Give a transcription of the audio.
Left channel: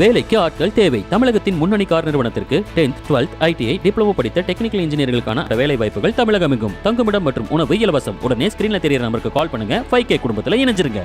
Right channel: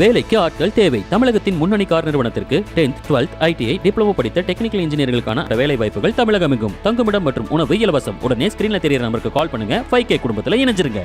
வேலைக்கு ஆட்கள் தேவை. தமிழகத்தின் முன்னணி கார் நிறுவனத்திற்கு 10th 12th ITI டிப்ளமோ படித்த டெக்னிக்கல் இன்ஜினியர்களுக்கான வேலை வாய்ப்புகள் தமிழகம் எங்கும். தங்குமிடம் மற்றும் உணவு இலவசம். உடனே ஸ்கிரீன்ல தெரியற நம்பருக்கு கால் பண்ணுங்க. 5K குடும்பத்துல இணைஞ்சிருங்க.